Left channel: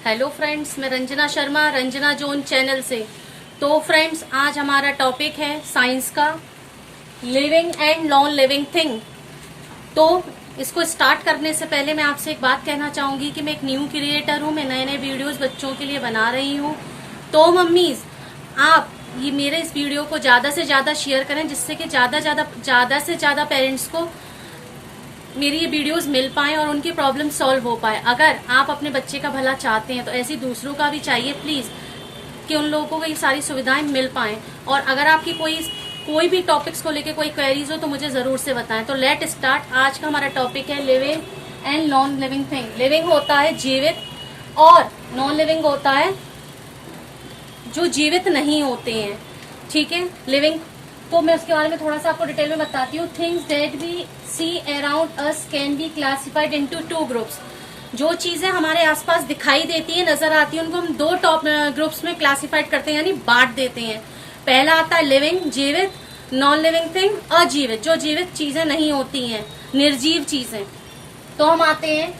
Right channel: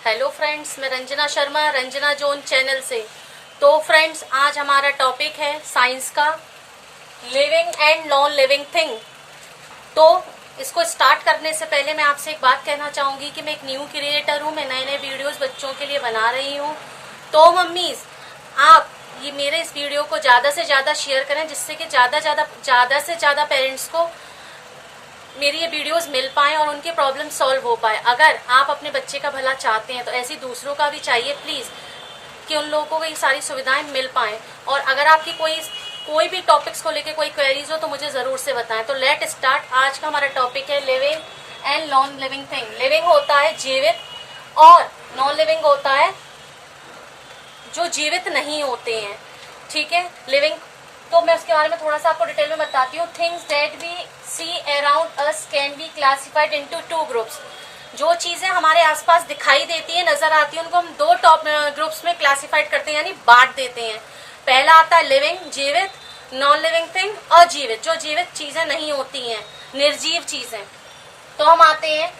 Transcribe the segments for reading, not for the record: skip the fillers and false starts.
Hello friends, मैं Ranjana Sharma Ranjana zone channel से। तो फ्रेंड्स, आज हमारा टॉपिक है साइंस का living and non living thing. तो इसको स्टार्ट करने से पहले मैं आपसे एक बात कहना चाहूंगी कि मैं एक न्यू क्रिएटर हूँ। मैं नए नए वीडियोस बच्चों के लिए बना रही हूँ। तो मम्मीज, आप ये मेरे इस वीडियो को ज्यादा से ज्यादा शेयर करें, जिससे कि ज्यादा से ज्यादा पेरेंट्स को मेरी ये वीडियोस मिल पाए और उनकी प्रॉब्लम सॉल्व हो पाए। अगर आप अपने बच्चे का भला चाहते हैं तो ऐसी दूसरों का भी चाहिए प्लीज, कि उन लोगों को ये सारी सुविधाएं मिल पाए। और अगर आपकी कोई भी टॉपिक्स को लेके कोई क्वेरीज हो तो मुझे जरूर से बताएं। तो लेट स्टार्ट। आज का हमारा टॉपिक है living and non living thing. Living होता है जीवित और नॉन लिविंग होता है जो जीवित नहीं होते हैं। ठीक है, लिविंग तो मैं उसके बारे में थोड़ा सा आपको डिटेल में बताती हूँ। Things that we see around us can be classified into two groups. जो चीजें हमारे आसपास दिखाई देती है, नजर आती है, उनको हम दो टॉप ग्रुप्स में क्लासिफाइड करते हैं, यानी बांट देते हैं। पहला आता है लिविंग, जीवित, नॉन लिविंग थिंग, अजीवित, जो जीवित चीजें नहीं होती हैं, निर्जीव चीजें। तो हम आते हैं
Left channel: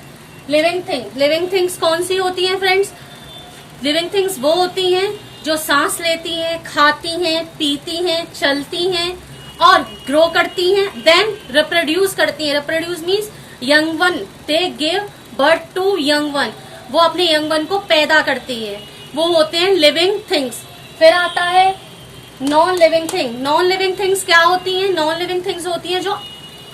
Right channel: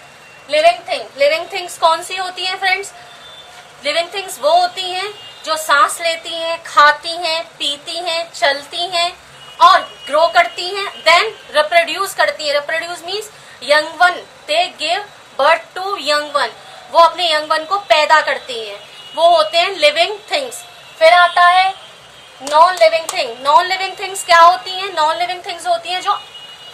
लिविंग थिंग। लिविंग थिंग्स कौन सी होती हैं फ्रेंड्स? लिविंग थिंग्स वो होती हैं जो सांस लेती हैं, खाती हैं, पीती हैं, चलती हैं और ग्रो करती हैं, देन रिप्रोड्यूस करती हैं। Reproduce means young one, they give birth to young one. वो अपने यंग वन को पैदा करती हैं, वो होते हैं लिविंग थिंग्स। फिर आता है non living thing. Non living things क्या होती हैं? नॉन लिविंग थिंग्स होती हैं जो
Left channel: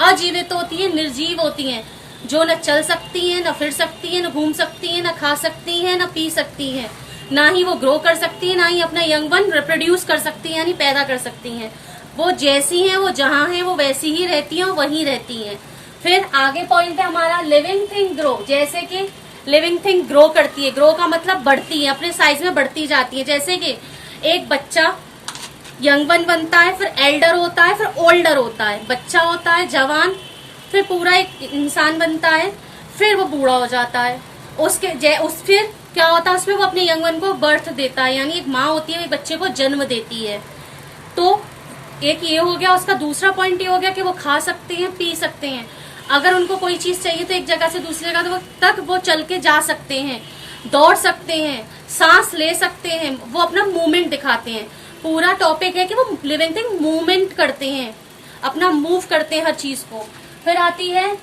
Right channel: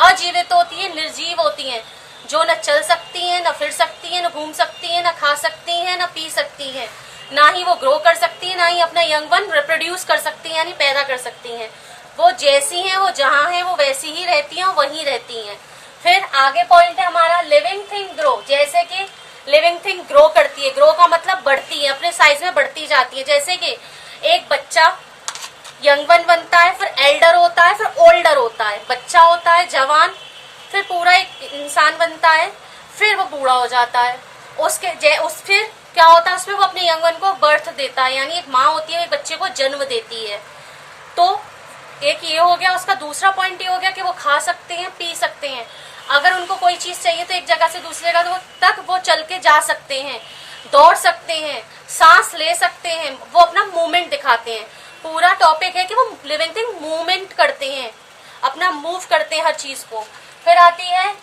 अजीवित होती हैं, निर्जीव होती हैं, जो न चल सकती हैं, न फिर सकती हैं, न घूम सकती हैं, न खा सकती हैं, न पी सकती हैं, ना ही वो ग्रो कर सकती है, ना ही अपना यंग वन रिप्रोड्यूस कर सकती है, यानी पैदा कर सकती हैं। वो जैसी हैं, वो जहां हैं, वो वैसी ही रहती हैं और वहीं रहती हैं। फिर आगे पॉइंट है हमारा लिविंग थिंग ग्रो। जैसे कि लिविंग थिंग ग्रो करती है, ग्रो का मतलब बढ़ती है, अपने साइज में बढ़ती जाती है। जैसे कि एक बच्चा यंग वन बनता है, फिर एल्डर होता है, फिर ओल्डर होता है। बच्चा होता है, जवान, फिर पूरा एक इंसान बनता है, फिर वो बूढ़ा हो जाता है। फिर क्या होता है उसमें? वो अपने यंग वन को बर्थ देता है, यानी एक माँ होती है, वो बच्चे को जन्म देती है। तो एक ये हो गया। उसका दूसरा पॉइंट ये हो गया कि वो खा सकते हैं, पी सकते हैं। अगर उनको कोई चीज चाहिए तो एक जगह से दूसरी जगह तक वो चल के जा सकते हैं, दौड़ सकते हैं, सांस ले सकते हैं, वो अपना मूवमेंट दिखाते हैं। पूरा टॉपिक है कि वो लिविंग थिंग मूवमेंट करते हैं, अपना मूव करते हैं हर चीज को। फिर आती है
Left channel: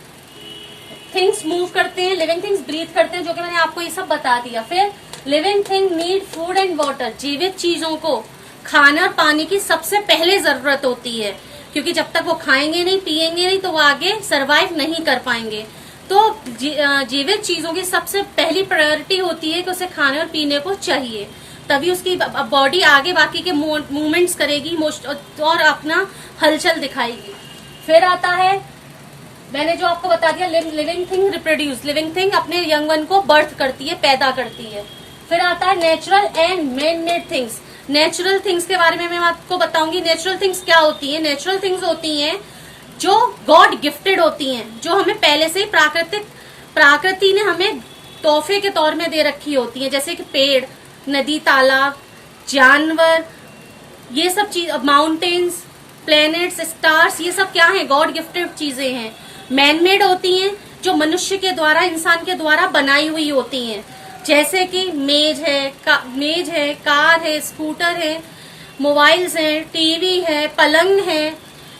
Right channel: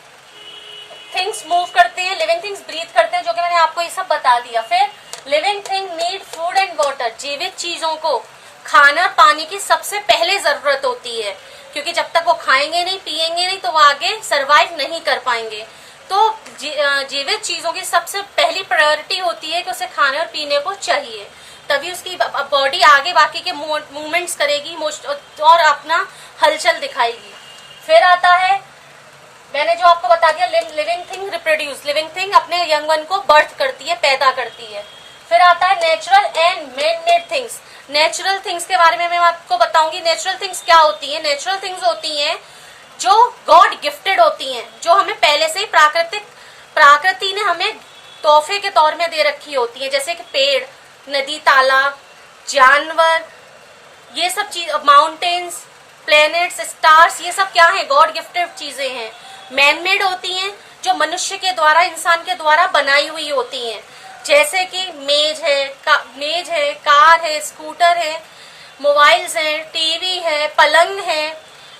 थिंग्स मूव करते हैं, लिविंग थिंग्स ब्रीथ करते हैं, जो कि मैंने आपको ये सब बता दिया। फिर living thing need food and water. जीवित चीजों को खाना पानी की सबसे पहले जरूरत होती है, क्योंकि जब तक वो खाएंगे नहीं, पिएंगे नहीं, तो वो आगे सरवाइव नहीं कर पाएंगे। तो जीवित चीजों की सबसे पहली प्रायोरिटी होती है कि उसे खाने और पीने को चाहिए, तभी उसकी बॉडी आगे बाकी के मूवमेंट्स करेगी और अपना हलचल दिखाएगी। फिर आता है, मैंने जो आपको बता दिया, living thing reproduce. Living thing अपने यंग वन को बर्थ करती है, पैदा करती है। फिर आता है natural and man made things. Natural things के बारे में मैं आपको बताऊंगी। नेचुरल थिंग्स क्या होती हैं? नेचुरल थिंग्स होती हैं जो गॉड गिफ्टेड होती हैं, जो हमें पहले से ही प्रकृति ने हमें तोहफे के तौर में दे रखी होती है। जैसे कि पेड़, नदी, तालाब, जानवर, ये सब चीज, माउंटेन्स, प्लैनेट्स, स्टार्स, ये सब क्या है? गॉड गिफ्टेड चीजें हैं। मैन मेड होती हैं जो मनुष्य के द्वारा, इंसान के द्वारा बनाई हुई होती हैं। जैसे कि मेज है, कार है, स्कूटर है, मोबाइल्स है, टीवी है, पलंग है,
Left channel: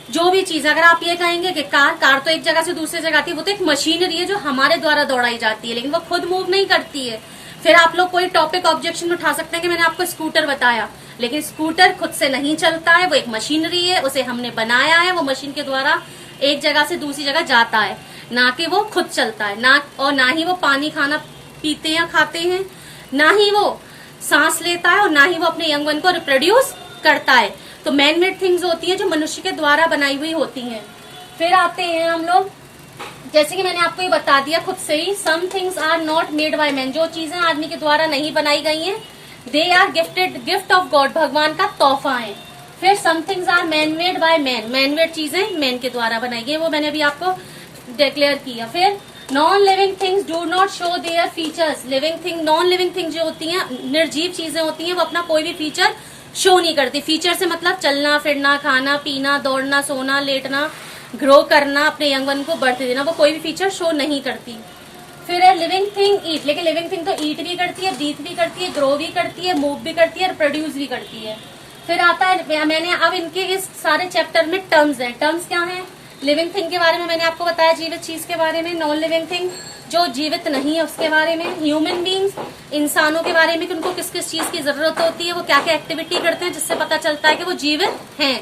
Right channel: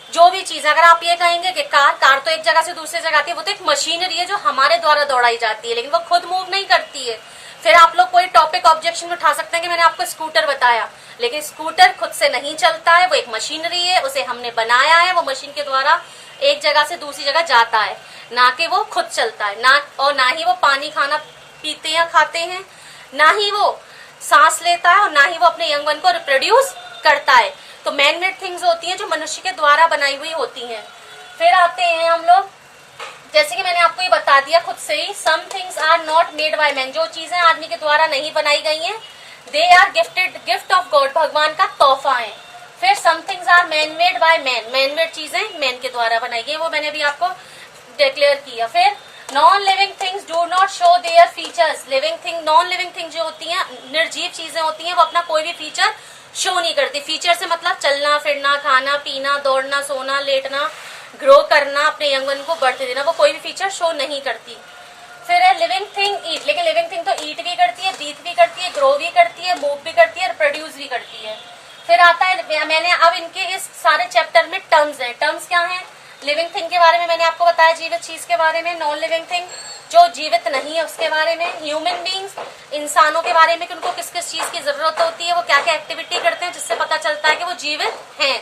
जो भी चीज। अगर आप ये कहेंगे कि कार तो एक जगह से दूसरी जगह आती है, वो तो एक मशीनरी है जो हमारे द्वारा दौड़ाई जाती है, लेकिन वो खुद मूव नहीं करती है। फिर आप लोग कोई टॉपिक ऑब्जेक्शन उठा सकते हैं कि मैंने आपको स्कूटर बताया, लेकिन स्कूटर खुद से नहीं चलता है, वो एक मशीनरी है, उसे हमने बनाया है, वो मशीन के द्वारा एक जगह से दूसरी जगह जाता है, ना कि वो खुद चलता है। ना ही वो पानी खाना पीते हैं, खाते हैं, ना ही वो सांस लेता है, और ना ही वो अपने यंग वन को रिप्रोड्यूस करता है। तो मैन मेड थिंग्स होती हैं जो मनुष्य के द्वारा बनाई हुई होती हैं। फिर आते हैं हम लोग, जैसे कि मैंने आपको ये बता दिया खुद से ही, some things are not made by man. जो चीजें आदमी के द्वारा नहीं बनाई गई हैं, they are gift of god, भगवान का तोहफा है। फिर some things are man made by man. Man made चीजें मैन के द्वारा बनाई गई, वो मैंने अभी आपको डिक्लेयर किया। फिर non living things do not show their features. Non living thing जो होती हैं, निर्जीव चीजें होती हैं, वो अपना कोई भी फीचर शो नहीं करती। फीचर से मतलब चलना फिरना, खाना पीना, दौड़ना, सोना, लेटना, ग्रो करना, अपने यंग वन को बढ़ते देना, वो कोई भी फीचर शो नहीं करती। फिर है लिविंग थिंग ईट, लेकिन लिविंग थिंग तो ईट भी करती है, ब्रीथ भी करती है, ग्रो भी करती है, मूव भी करती है, रिप्रोड्यूस भी करती है। फिर आता है, मैंने अब इनके इस सारे चैप्टर में टर्म्स हैं। टर्म्स क्या हैं? लिविंग थिंग के बारे में मैंने आपको बताया, जीवित चीज के बारे में। नॉन लिविंग थिंग जो जीवित नहीं है उसके बारे में। ह्यूमन बींग्स इंसानों के बारे में कि उनको किस किस चीज की जरूरत होती है, वो क्या क्या एक्टिविटी करते हैं जिससे पता चलता है कि वो जीवित हैं।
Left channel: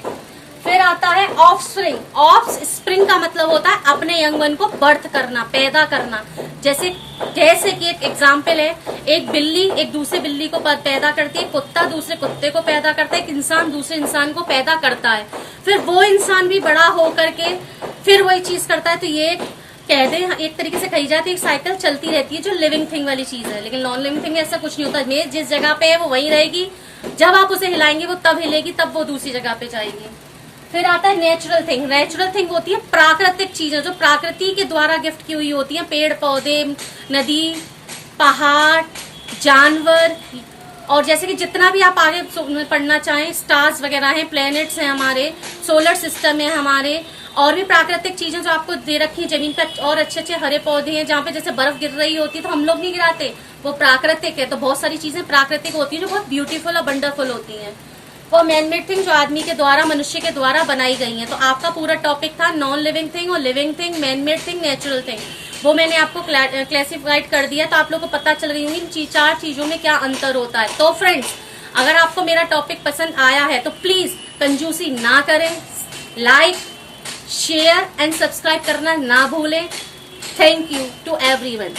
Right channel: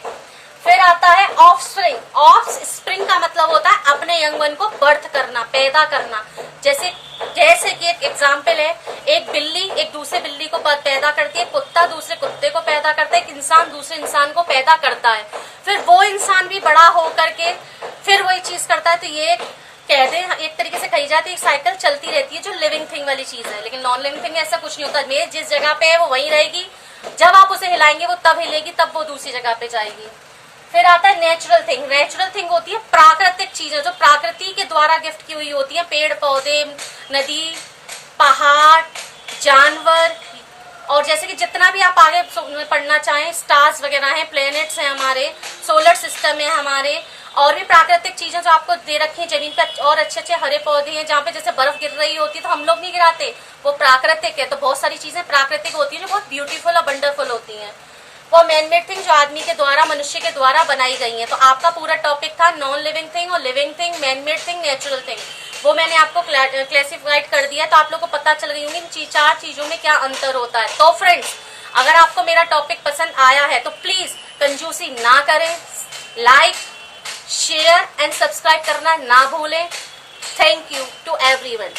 फिर आता है ऑफ स्प्रिंग। ऑफ स्प्रिंग का मतलब होता है अपने यंग वन को बर्थ करना, पैदा करना। जैसे कि एक एग्जाम्पल है, एक बिल्ली एक दूसरे बिल्ली को पैदा करती है, कुत्ता दूसरे कुत्ते को पैदा करता है, एक इंसान दूसरे इंसान को पैदा करता है, फिर वो इंसान भी बड़ा हो करके फिर वही चीज करता है। तो ये कह दे एक तरीके से कही जाती है, एक साइकिल चलती रहती है जो लिविंग थिंग वाली चीज है। लेकिन नॉन लिविंग थिंग में ऐसा कुछ नहीं होता। मेज जिस जगह पे है वो वहीं रहेगी, जब आप उसे हिलाएंगे वो तब हिलेगी, तब वो दूसरी जगह पे जाएगी। फिर आता है नेचुरल थिंग। नेचुरल थिंग होती है प्राकृतिक चीजें जो प्रकृति के द्वारा गिफ्ट की हुई होती है, पेड़ पौधे, नदी, पहाड़, जानवर, और जैसे कि जितना भी आप आगे पढ़ना चाहें, स्टार्स वगैरह हैं, प्लैनेट्स हैं, हमारे सोलर सिस्टम है हमारे, और भी प्राकृतिक चीजें जो आपको दे रखी हैं जमीन पर, और अच्छे अच्छे हरे पौधे हैं जहाँ पे जैसे बर्फ गिर रही होती है तो हम लोग नहीं गिराते, वो प्राकृतिक है। तो बहुत सारी चीजें प्राकृतिक होती है जो बहुत ब्यूटीफुल और वंडरफुल होती हैं। वो मैनमेड थिंग जो आदमी के द्वारा, मनुष्य के द्वारा बनाई गई है। तो आपका पूरा टॉपिक था नॉन लिविंग थिंग और living thing, manmade thing, natural thing. वो मैंने आपको क्लासिफाइड कर दिया, तो आप लोग को पता चल गई होंगी चार चीजों में क्या अंतर होता है। तो फ्रेंड्स, अगर आपको मेरा टॉपिक पसंद आया है तो प्लीज कंजूसी ना करें, लाइक, शेयर एंड सब्सक्राइब करना ना भूलें। Thank you to everyone.